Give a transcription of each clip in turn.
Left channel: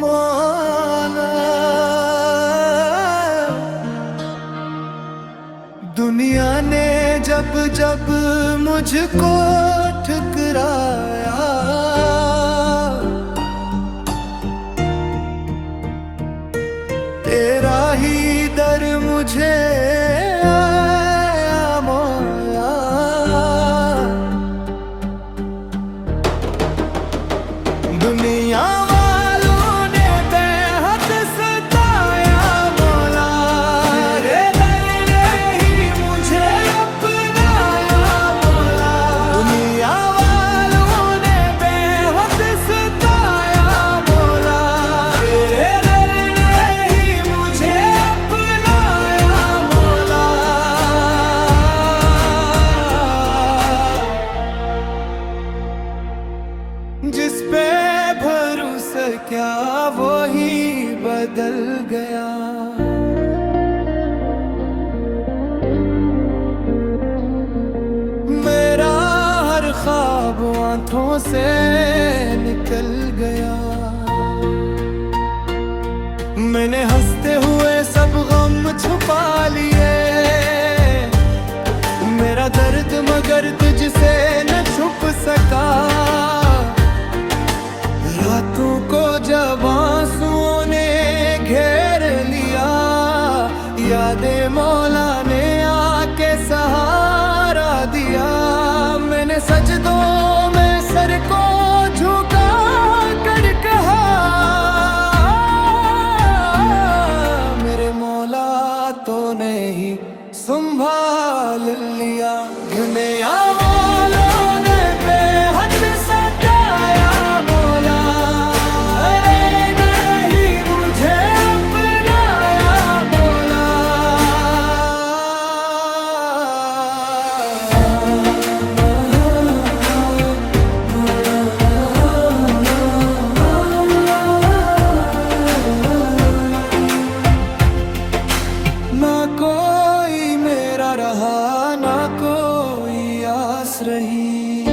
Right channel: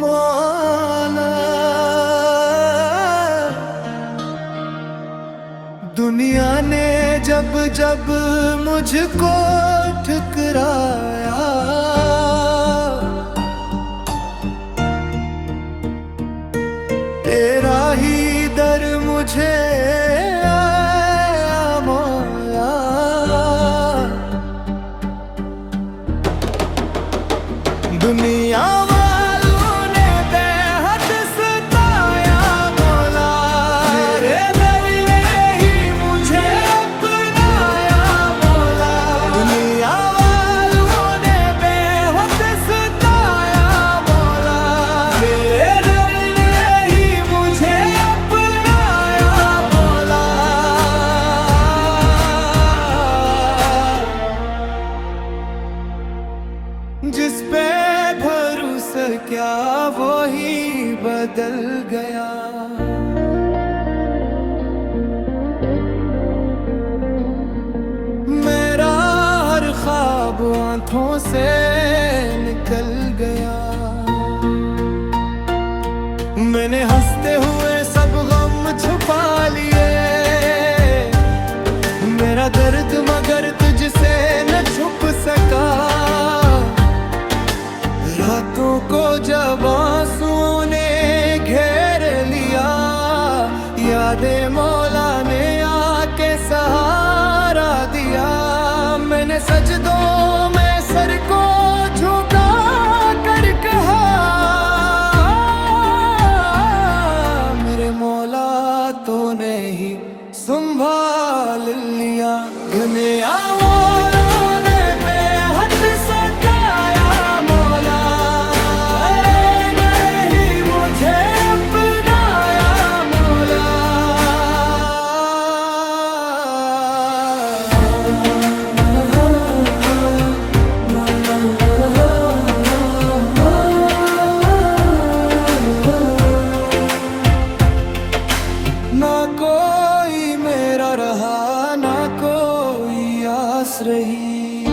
मौला, दुनिया ने जब जब मुझको ठुकराया, तेरा ही दर मुझे आया मौला। दुनिया वालों ने बेहद सताया मौला, तेरे दर ने ही मुझे अपनाया मौला। दुनिया वालों ने बेहद सताया मौला, तेरे दर ने ही मुझे अपनाया मौला। जिस पे भरोसा क्या वो ही बदल गया, मेरा हर ख्वाब आंखों से निकल गया। मैंने हंसते हुए सब गम छुपा लिए, मेरा दर्द मगर तुझसे न छुप सका। रातों को जब आंसुओं ने घेर लिया, यादें मौला ने आके सहारा दिया। मैंने सजदों में सर को झुका कर कहा, मेरे मौला तूने ही संभाल लिया। दुनिया वालों ने बेहद सताया मौला, तेरे ने ही मुझे अपनाया मौला। ना कोई मेरा रहा, ना कोई आस रही,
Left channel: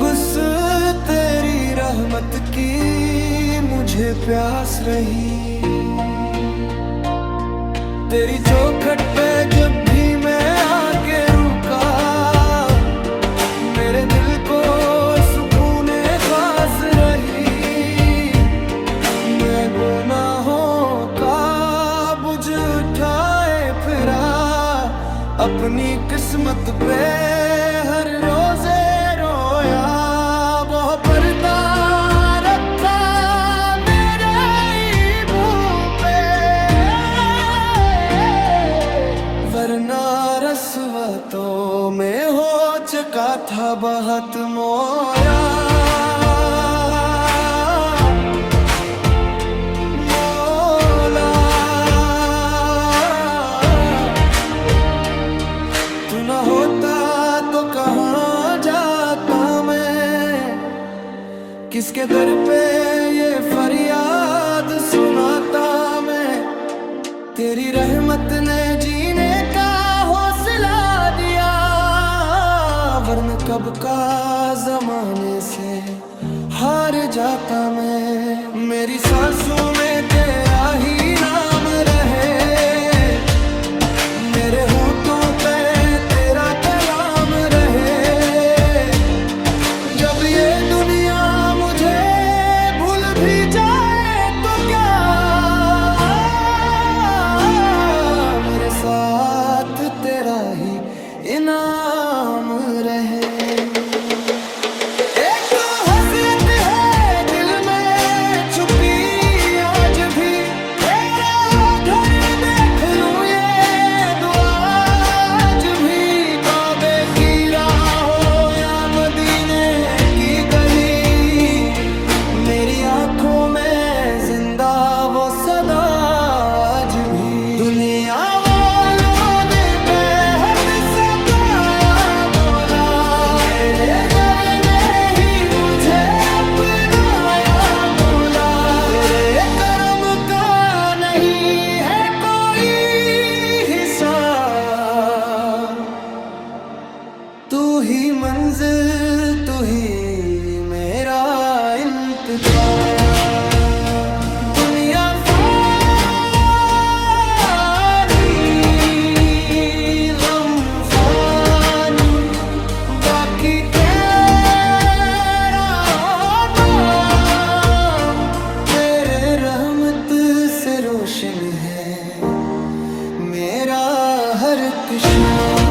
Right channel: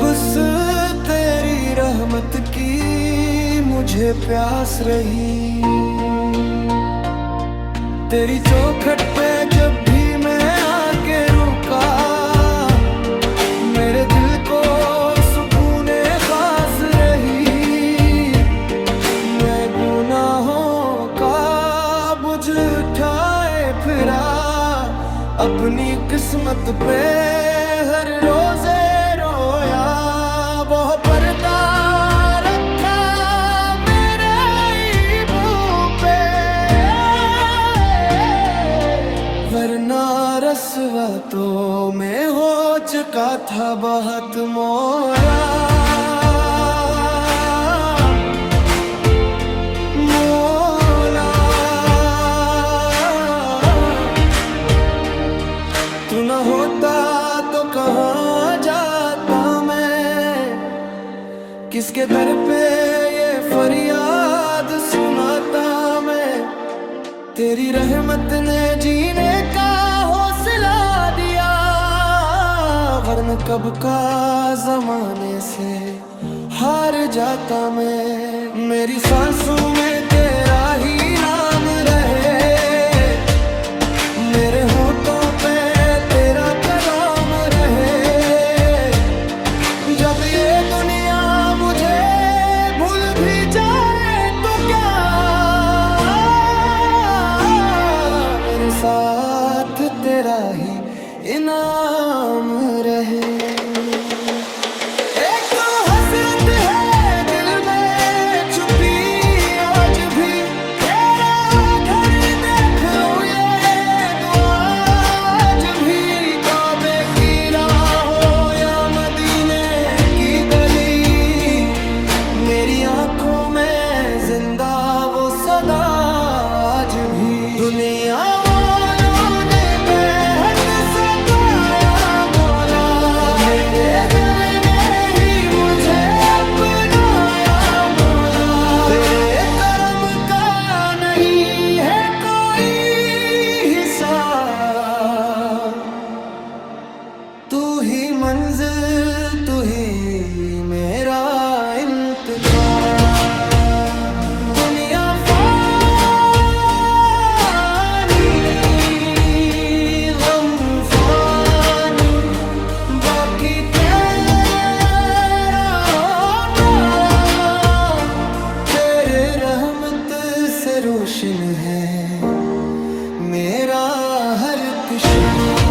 गुस्से तेरी रहमत की मुझे प्यास रही। तेरी चौखट पे जब भी मैं आके रुका, मेरे दिल को सुकून खास रही। मैं गुनाहों का बोझ उठाए फिरा, अपनी किस्मत पे हर रोजे रोया। वो पर्दा रखा मेरे ईबों पे, वरना रस्वा तो मैं हो चुका था बहुत मोया। तू न होता तो कहाँ जाता मैं, किसके दर पे ये फरियाद सुनाता मैं। तेरी रहमत ने जीने का हौसला दिया, वरन कब का जमाने से हार जाता मैं। मेरी सांसों में तेरा ही नाम रहे, मेरे होठों पे तेरा कलाम रहे। जब ये दुनिया मुझे भूल भी जाए तो क्या, मेरे साथ तेरा ही इनाम रहे। एक हसरत है दिल में छुपी आज भी, तेरा घर देख लूं ये दुआ आज भी। काबे की राहों या मदीने की गली, मेरी आंखों में जिंदा वो सदा आज भी। दुनिया वालों ने बेहद सताया मौला, मेरे दर ने ही मुझे अपनाया मौला। तेरे करम का नहीं है कोई हिसाब, ही मंजिल, तू ही मेरा इंतजार। दुनिया फानी, गम फानी, बाकी तेरा नाम। तेरे रहमत से रोशन है मेरा हर एक शाम।